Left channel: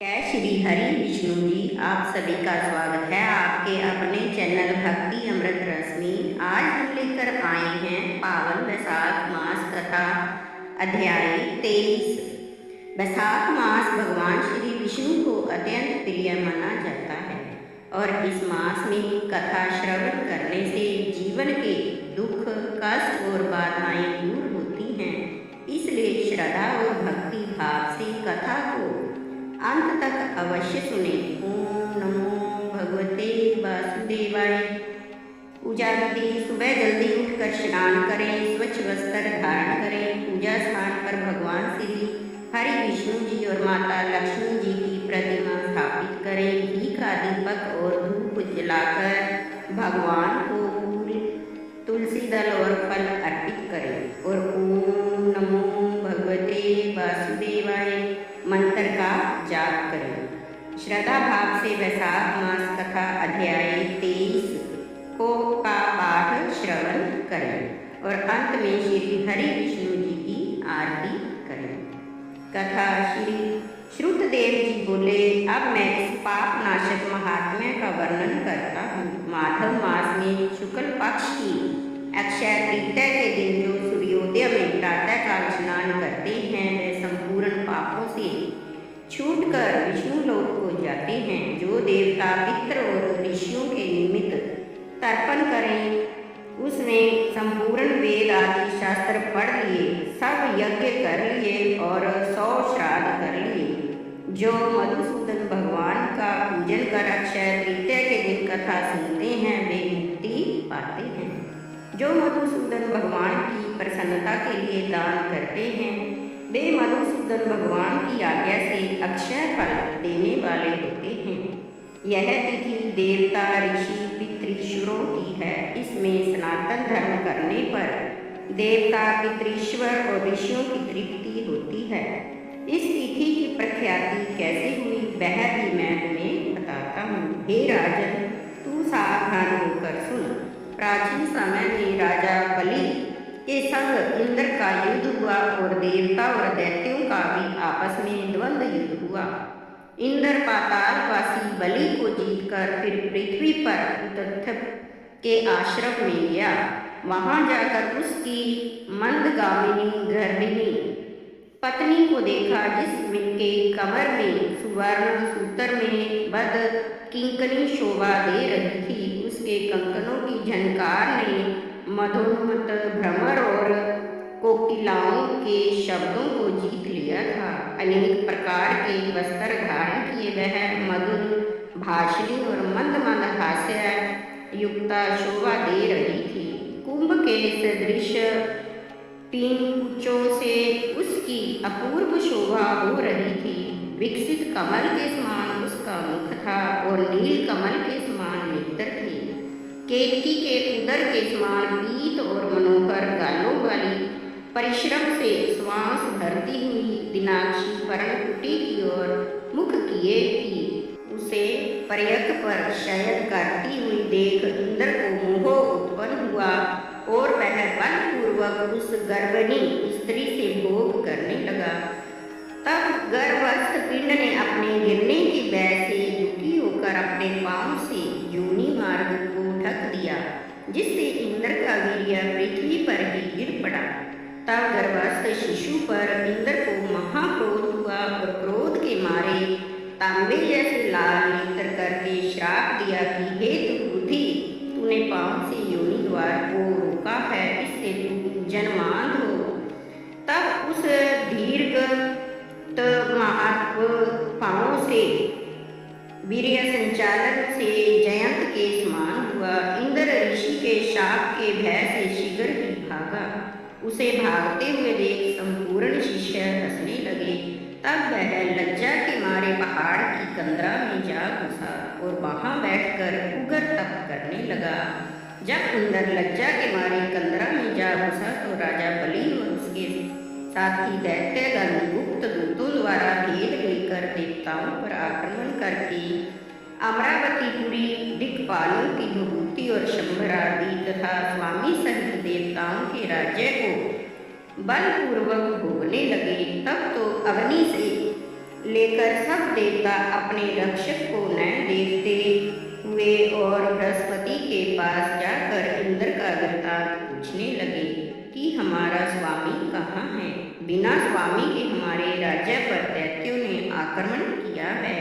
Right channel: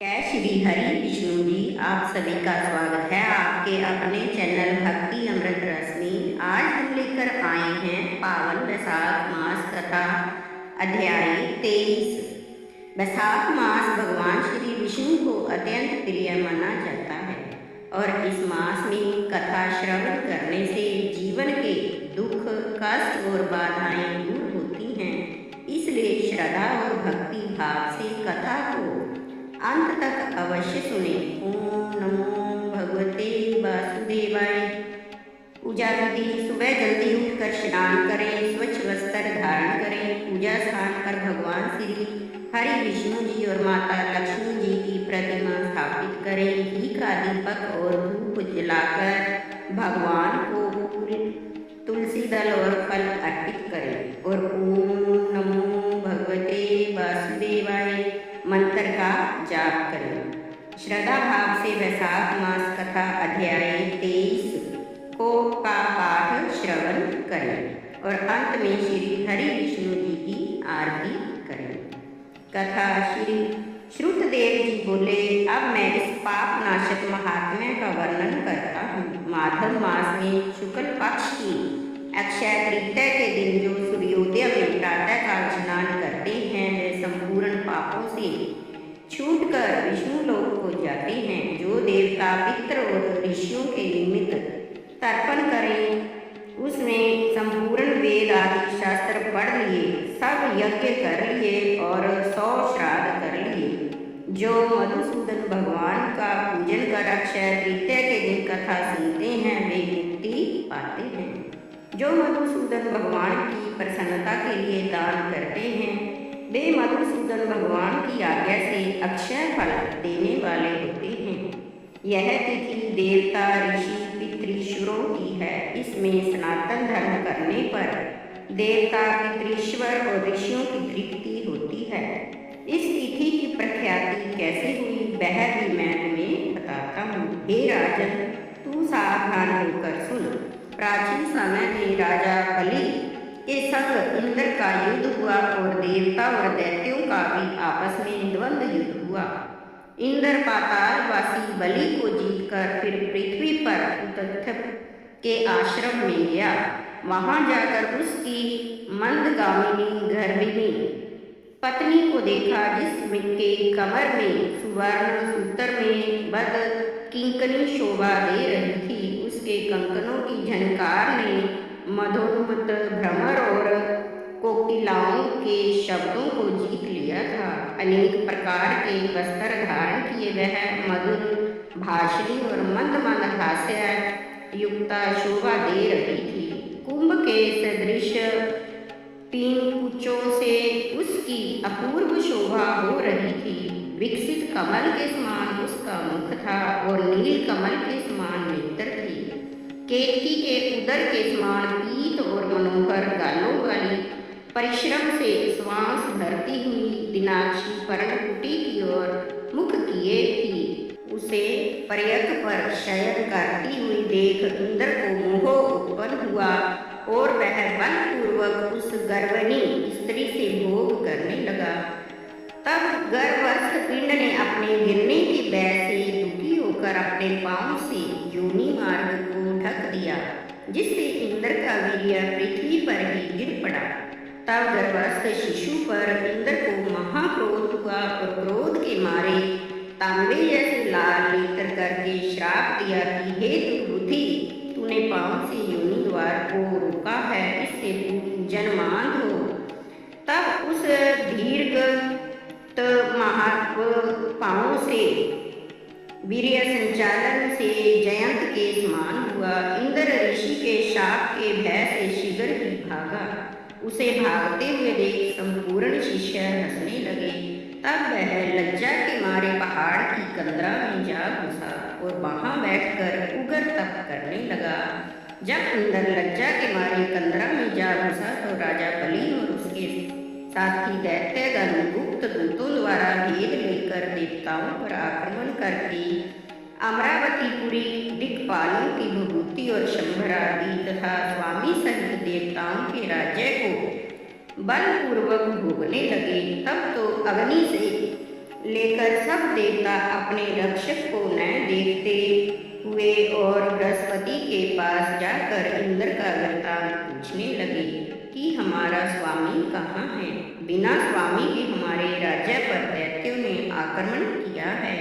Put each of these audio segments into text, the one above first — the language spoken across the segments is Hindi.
जय श्री हरि विष्णु जी। आप सभी का स्वागत है आपके अपने चैनल भक्ति अमृत रस में। आज हम लेकर आए हैं पावन वैशाख मास कथा अध्याय 23। वैशाख मास भगवान श्री विष्णु को अत्यंत प्रिय माना जाता है और इस मास में कथा श्रवण करने से जीवन के दुख कष्ट और बाधाएं दूर होती हैं। इसलिए श्रद्धा और भक्ति भाव से कथा को अंत तक अवश्य सुने। ओम नमो भगवते वासुदेवाय। पूजा विधि: सुबह जल्दी उठकर स्नान करें, स्वच्छ वस्त्र धारण करें। पूजा स्थान पर भगवान श्री हरि विष्णु जी और माता लक्ष्मी जी की प्रतिमा स्थापित करें। घी का दीपक और धूप जलाकर भगवान को फूल, तुलसी दल और फल अर्पित करें और ओम नमो भगवते वासुदेवाय मंत्र का जाप करें। श्रद्धा भाव से वैशाख मास कथा अध्याय 23 का पाठ श्रवण करें और अंत में श्री हरि विष्णु जी की आरती करें। कथा: श्री श्रुतदेव जी बोले, अब मैं इस पाप नाशक महात्म्य का वर्णन करता हूँ। माघ मास में शुक्ल पक्ष की अक्षय तृतीया के दिन जो सूर्योदय में प्रातःकाल स्नान करते हैं वे संपूर्ण पापों से छूटकर विष्णु लोक को जाते हैं। जो देवता पितृ और ऋषियों के निमित्त तर्पण करें उसमें संपूर्ण वेद आदि शास्त्र पढ़ लिए, सब यज्ञ कर लिए और 100 श्राद्ध कर लिए। जो मधुसूदन भगवान का पूजन कर अक्षय तृतीया के दिन कथा सुनते हैं वे मुक्ति पाते हैं। जो मधुसूदन भगवान की प्रसन्नता के लिए दान करते हैं वे मधुसूदन भगवान की आज्ञा से अक्षय फल देने वाले होते हैं। यह तिथि देवता ऋषि पितृश्वरों की है। इसमें सनातन धर्म करने पर देवता पितृश्वर और ऋषियों की तृप्ति होती है। इस तिथि की प्रख्याति कैसे हुई वह भी मैं तुम्हें बताता हूँ। हे राजन, तू सावधान होकर सुन। प्राचीन समय में राजा बलि के संग इंद्र का युद्ध हुआ और देवता और दैत्यों का भी आपस में द्वंद्व युद्ध हुआ। इंद्र पातालवासी बलि को जीतकर फिर पृथ्वी पर उतथ्य के आश्रम में गया। वहां जाकर उसकी मंदगामिनी गर्भिणी पत्नी को देखा जिसके कमर में सुवर्ण सूत्र में बद किंकनी शोभा दे रही थी। उसके कंकनों की झनकार ने मधोन्मत्त भ्रमर और कोकिलाओं के शब्दों को जीत लिया था। अनेक प्रकार के वस्त्र धारण किए वह मधुर भाषणी और मंद मंद हास्य युक्ता शोभा दे रही थी। कुंभ के सदृश 3 कुचों से उसकी अपूर्व शोभा हो रही थी। विकसित कमल के समान उसका मुख था और नील कमल के समान नेत्र थे। केतकी के उदर के समान पीत और मनोहर गालों वाली परिश्रम से श्वास भरती हुई दिनाक्षी पर्णकुटी की ओर मुख किए थी। उसे पर्यक पर शयन करती हुई देख इंद्र को मोह उत्पन्न हुआ और वह बलपूर्वक उस गर्भिणी स्त्री से भोग करने लगा। तब गर्भस्थ पिंड ने अपने गिरने की भय से दुखी होकर अपने पांव से योनि मार्ग को ढक दिया, जिससे इंद्र का वीर्य पृथ्वी पर ही गिर पड़ा। तब गर्भस्थ शिशु पर इंद्र को महाक्रोध हुआ और क्रोध के मारे तांबे जैसे लाल नेत्र करके श्राप दिया कि हे दुर्बुद्धि, तूने पांव से योनि द्वार को रोका है, इससे तू जन्मांध हो। तब उस दीर्घ पांव से वीर्य संचालन से जयंत के समान हुआ। इंद्र ऋषि के शाप के भय से शीघ्र ही भागा। उसे भागते हुए देख संपूर्ण शिष्य हंसने लगे। तब वह लज्जा के मारे पहाड़ की कंदरा में जा घुसा और वहां बैठकर उग्र तप करने लगा। जब इंद्र लज्जा के मारे कंदरा में जा घुसा तो राजा बलि और उसके साथी दैत्यगण गुप्त दूतों द्वारा भेद लेकर देवताओं पर आक्रमण करके अमरावतीपुरी दिक्पालों की विभूति और शंभरादि तथा स्वामी सहित देवताओं के राज्य को बलपूर्वक भोगने लगे। तब तो अग्नि से लेकर सब देवता अपने रक्षक को न देखते हुए और बृहस्पति के पास जाकर इंद्र का वृत्तांत पूछने लगे कि हमारा स्वामी कहाँ है। बिना स्वामी के हमारे राज्य पर दैत्यों ने आक्रमण किया है।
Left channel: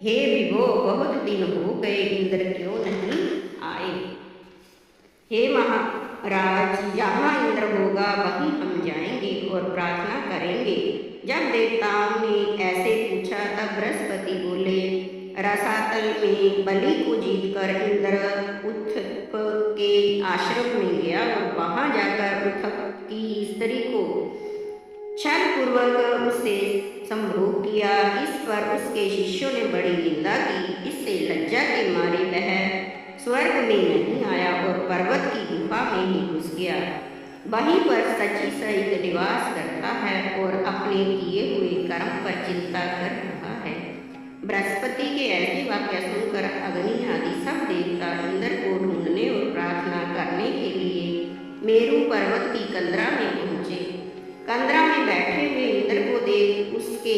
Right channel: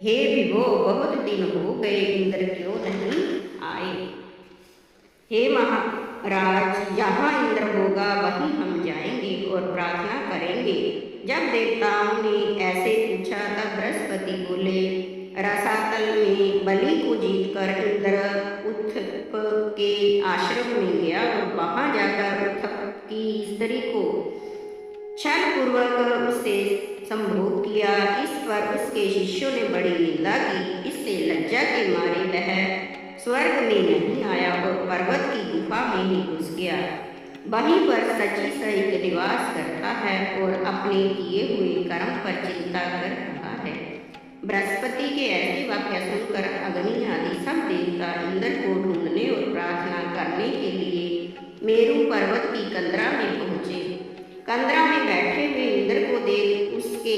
हे विभो, बहुत दिन हो गए, इंद्र क्यों नहीं आए। हे महाराज, जहाँ इंद्र होगा वहीं हम जाएंगे और प्रार्थना करेंगे। जब देवताओं ने ऐसे पूछा तब बृहस्पति बोले, रसातल में बलि को जीतकर इंद्र उत्थप के आश्रम में गया और वहां जाकर उत्थप की स्त्री को छल पूर्वक उससे संभोग किया। इस पर उसके शिष्यों ने बड़ी निंदा की। इससे लज्जा के मारे वह स्वर्ग में नहीं आया और पर्वत की गुफा में ही घुस गया। वहीं पर शची सहित निवास करता है और अपने किए हुए कर्म पर चिंता कर रहा है। बृहस्पति के ऐसे वाक्य सुनकर अग्नि आदि सब देवता इंद्र को ढूंढने और प्रार्थना करने के लिए मेरु पर्वत की कंदरा में पहुँचे। कंदरा में बैठे हुए इंद्र को देख उसके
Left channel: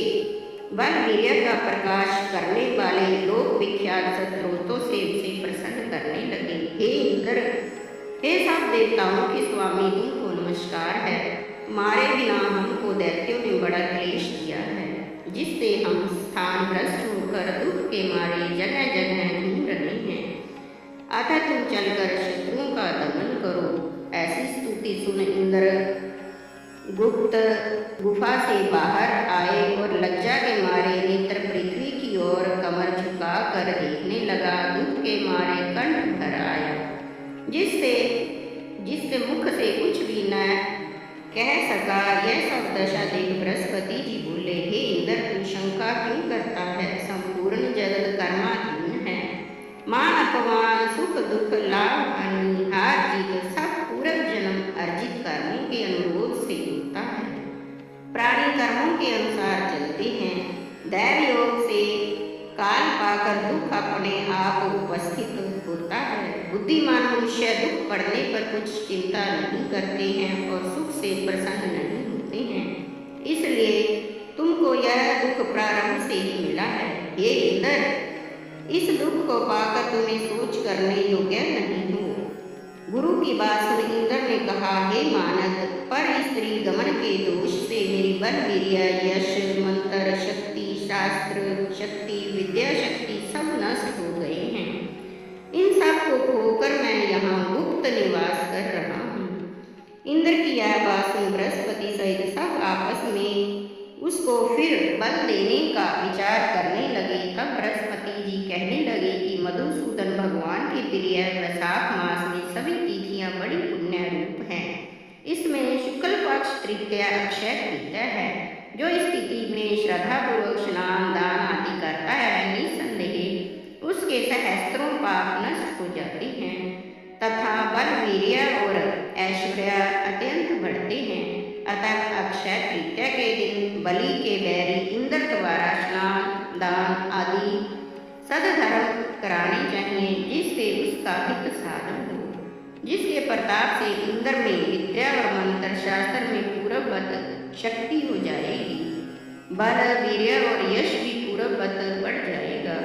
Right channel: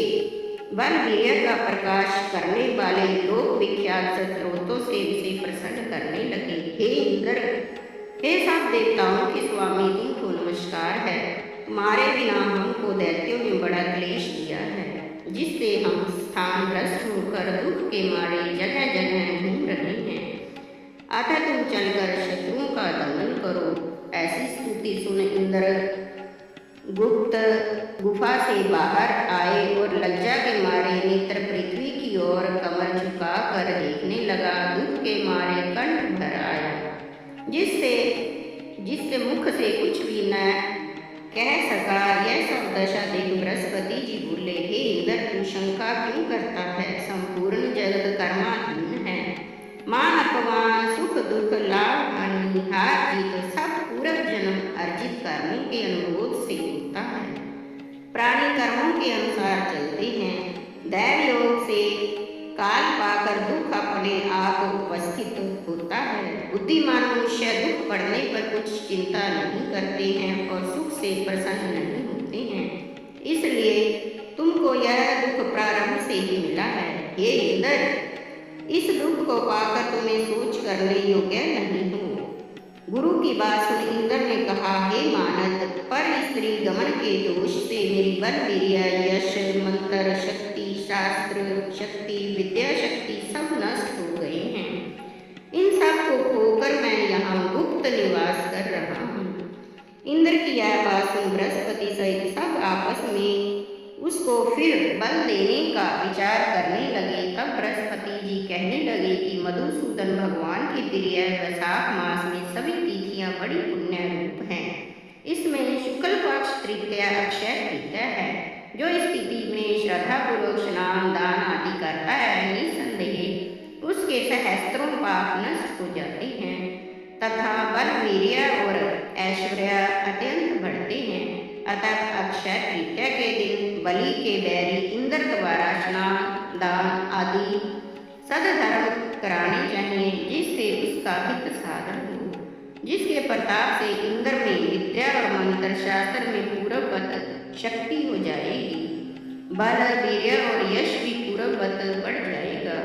बल वीर्य का प्रकाश करने वाले लोक विख्यात स्त्रोतों से उसे प्रसन्न करने लगे। हे इंद्र, हे सब देवताओं के स्वामी, तुमको नमस्कार है। तुम्हारे बिना हमको दैत्यों ने बड़ा क्लेश दिया है, जिससे हम स्थान भ्रष्ट होकर दुख के मारे जगह जगह घूम रहे हैं। अतः तुम चलकर शत्रुओं का दमन करो। ऐसी स्तुति सुन इंद्र गुप्त गुफा से बाहर आए और लज्जा के मारे नेत्र पृथ्वी की ओर कमर झुका कर देखने लगा। दुख के मारे कंठ भर आया, जिससे मुख से कुछ भी न कह सका। यह सब दशा देख बृहस्पति जी बोले, हे इंद्र, तू शंका क्यों करता है। संपूर्ण जगत कर्माधीन है। मान अपमान, सुख दुख, लाभ हानि, हार जीत सब पूर्व जन्म अर्जित कर्मों के अनुरोध से होता है। प्राणी कर्मों के अनुसार चलते हैं। दैव योग से काल पाकर दुख अपने आप उपस्थित होता है। बुद्धिमान मनुष्य दुख पड़ने पर कुछ चिंता नहीं करते हैं और सुख से प्रसन्न नहीं होते हैं। इसलिए तुमको यह दुख प्रारंभ से ही मिला है। हे इंद्र, इस दुख को पाकर तुम्हें सोच करने योग्य नहीं हो। गुरु की बात सुन इंद्र ने कहा, हे मानद, पर स्त्री गमन के दोष से मेरी बल वीर्य, यश, मंत्र शक्ति, शास्त्र शक्ति, विद्या शक्ति सब नष्ट हो गए हैं। इन सब को खोकर मैं यहाँ गुप्त निवास कर रहा हूँ। इंद्र की यह बात सुन बृहस्पति सहित सब आपस में उसको फिर बल देने का विचार करने लगे। तब बृहस्पति जी कहने लगे कि मधुसूदन भगवान के प्रिय वैशाख मास में सभी तिथियां बड़ी पुण्य रूप हैं। इसमें शुक्ल पक्ष तृतीया अक्षय तृतीया है। जो इस तिथि में श्रद्धापूर्वक स्नान दान आदि करता है, निसंदेह उसके सहस्त्रों पाप नष्ट हो जाते हैं तथा बल वीर्य और ऐश्वर्य अत्यंत बढ़ते हैं। अतः अक्षय तृतीया के दिन बलि के बैरी इंद्र द्वारा स्नान दान आदि सदधर्म कराने चाहिए, जिससे उसका हित साधन हो, जिसके प्रताप से इंद्र में विद्या और मंत्र शास्त्र में पूर्ववत शक्ति हो जाएगी। बल वीर्य और यश भी पूर्ववत बढ़ जाएगा।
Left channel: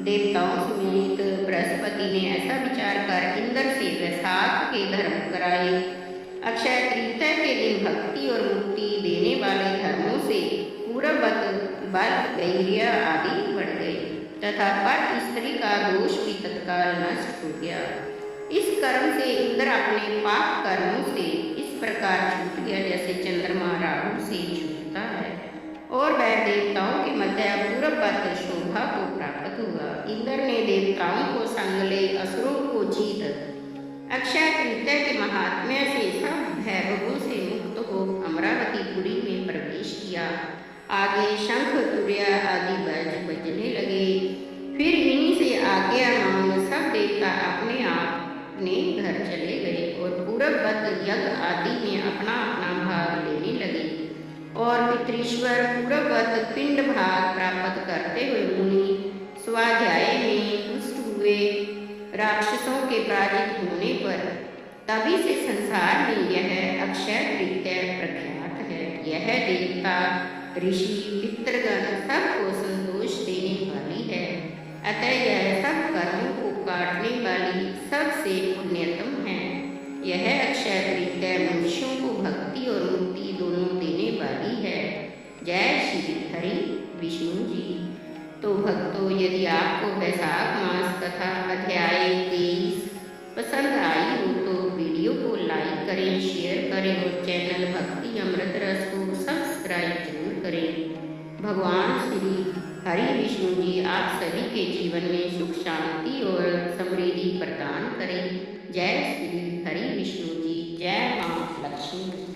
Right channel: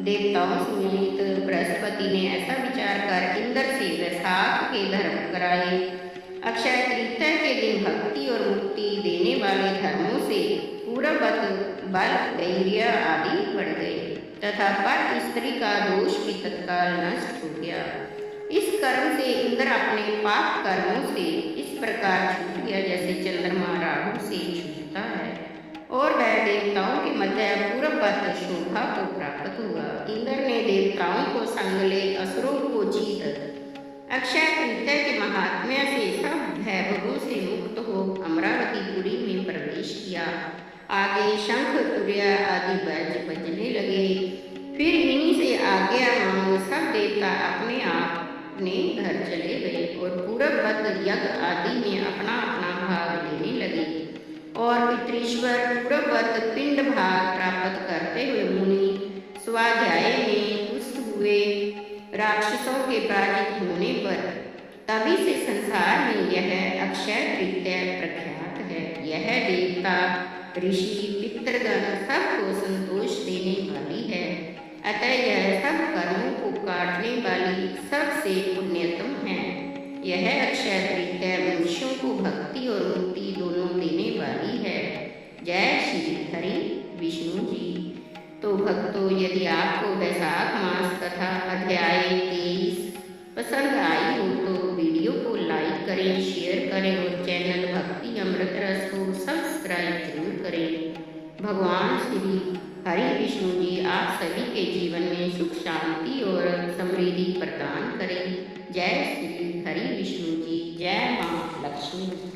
देवताओं समेत बृहस्पति ने ऐसा विचार कर इंद्र से वैशाख के धर्म कराए। अक्षय तृतीया के दिन भक्ति और मुक्ति देने वाले धर्मों से पूर्ववत बल वीर्य आदि बढ़ गए तथा पर स्त्री का दोष भी तत्काल नष्ट हो गया। इस कर्म से इंद्र अपने पाप कर्मों से इस प्रकार छूट गया जैसे चंद्रमा राहु से छूटता है, और वह देवताओं के मध्य पूर्ववत शोभा को प्राप्त हुआ। इंद्र ने देवताओं को संग ले असुरों को जीत अक्षय तृतीया के महात्म्य से सब वैभवों से मुक्त हो अमरावतीपुरी में प्रवेश किया। आगे शंख तुर्य आदि बजने लगे। फिर इन्हीं से आज्ञा मांग सब देवता अपने अपने घर चले गए और पूर्ववत यज्ञ आदि में अपना अपना भाग लेने लगे। और पितृश्वर पूर्ववत पिंड भाग प्राप्त करते हुए मुनि स्वाध्याय में तुष्ट हुए। राक्षसों के पराजित होने पर तभी से संसार में यह अक्षय तृतीया प्रख्यात है। यह देवता ऋषि पितृगण सबको संतोष देने वाली है। अतः यह सब कर्मों को काटने वाली सबसे पुण्यतम है। यह अक्षय तृतीया मनुष्यों को भक्ति और मुक्ति दोनों देने वाली है। जय श्री हरि विष्णु जी। तो भक्तों, यदि आपको वैशाख मास कथा अध्याय 23 पसंद आई हो तो वीडियो को लाइक करें, शेयर करें और चैनल भक्ति अमृत रस को सब्सक्राइब जरूर करें। भगवान श्री हरि विष्णु जी आप सभी के जीवन में सुख शांति और समृद्धि प्रदान करें। जय श्री हरि विष्णु जी। जय माँ लक्ष्मी।